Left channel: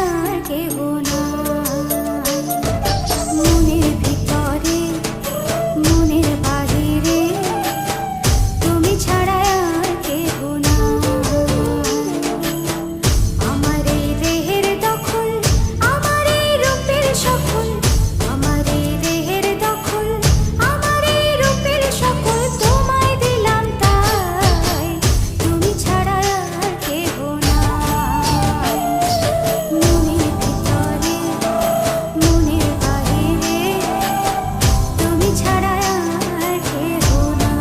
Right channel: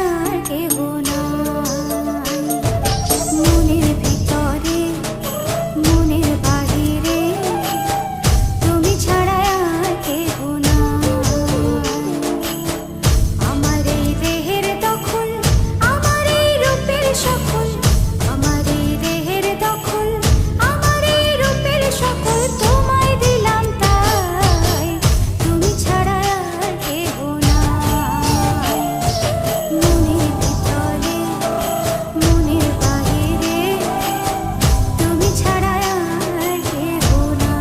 আর কেহ নাই। মনের ভিতরে মনের বাহিরে তুমি ছাড়া আর কেহ নাই। আমার এই দেহের দখল, আমার এই রূপের সকল, আমার এই দেহের দখল, আমার এই রূপের সকল তোমায় দিলাম তাই, তুমি ছাড়া আর কেহ নাই। মনের ভিতরে মনের বাহিরে তুমি ছাড়া আর কেহ নাই।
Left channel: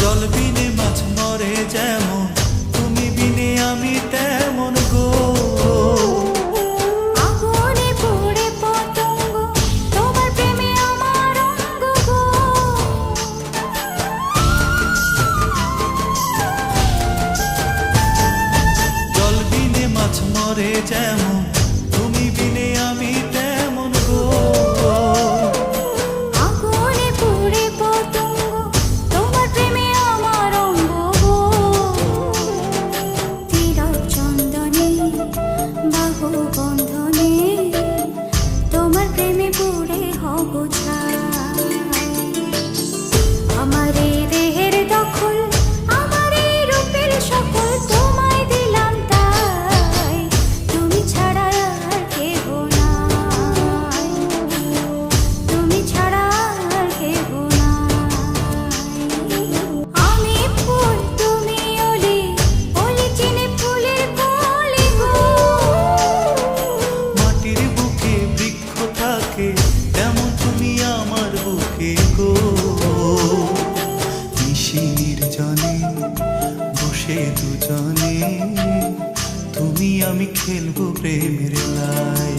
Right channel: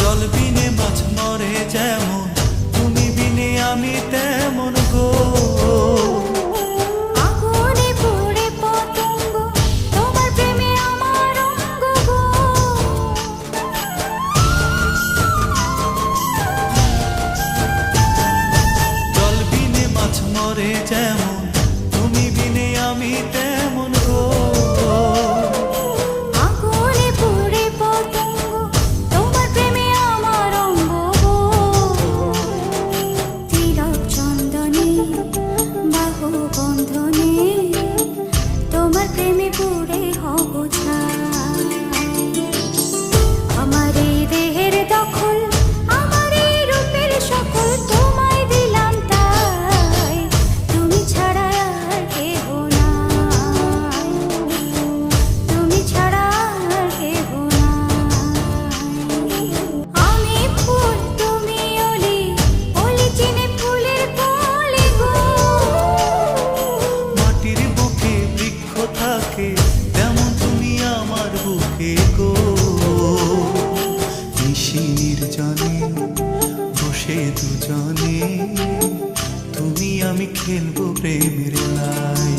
জল বিনে মাছ মরে যেমন, তুমি বিনে আমি তেমন গো। আগুনে পুড়ে পতঙ্গ, তোমার প্রেমে আমার অঙ্গ গো। জল বিনে মাছ মরে যেমন, তুমি বিনে আমি তেমন গো। আগুনে পুড়ে পতঙ্গ, তোমার প্রেমে আমার অঙ্গ গো। তিলক চন্দনে বাহু বন্ধনে তোমার প্রেমে পুড়ে হব ছাই। আমার এই দেহের দখল, আমার এই রূপের সকল তোমায় দিলাম তাই, তুমি ছাড়া আর কেহ নাই, তুমি ছাড়া আর কেহ নাই। আমি ফুল তুমি অলি, অলি চিনে ফুলের কলি গো। মাটির বুকে বৃক্ষ থাকে, তেমন তুমি আমার বুকে গো। নিশি নির্জনে বসে দুজনে, তুমি আমি খেলবো প্রেমের লাই।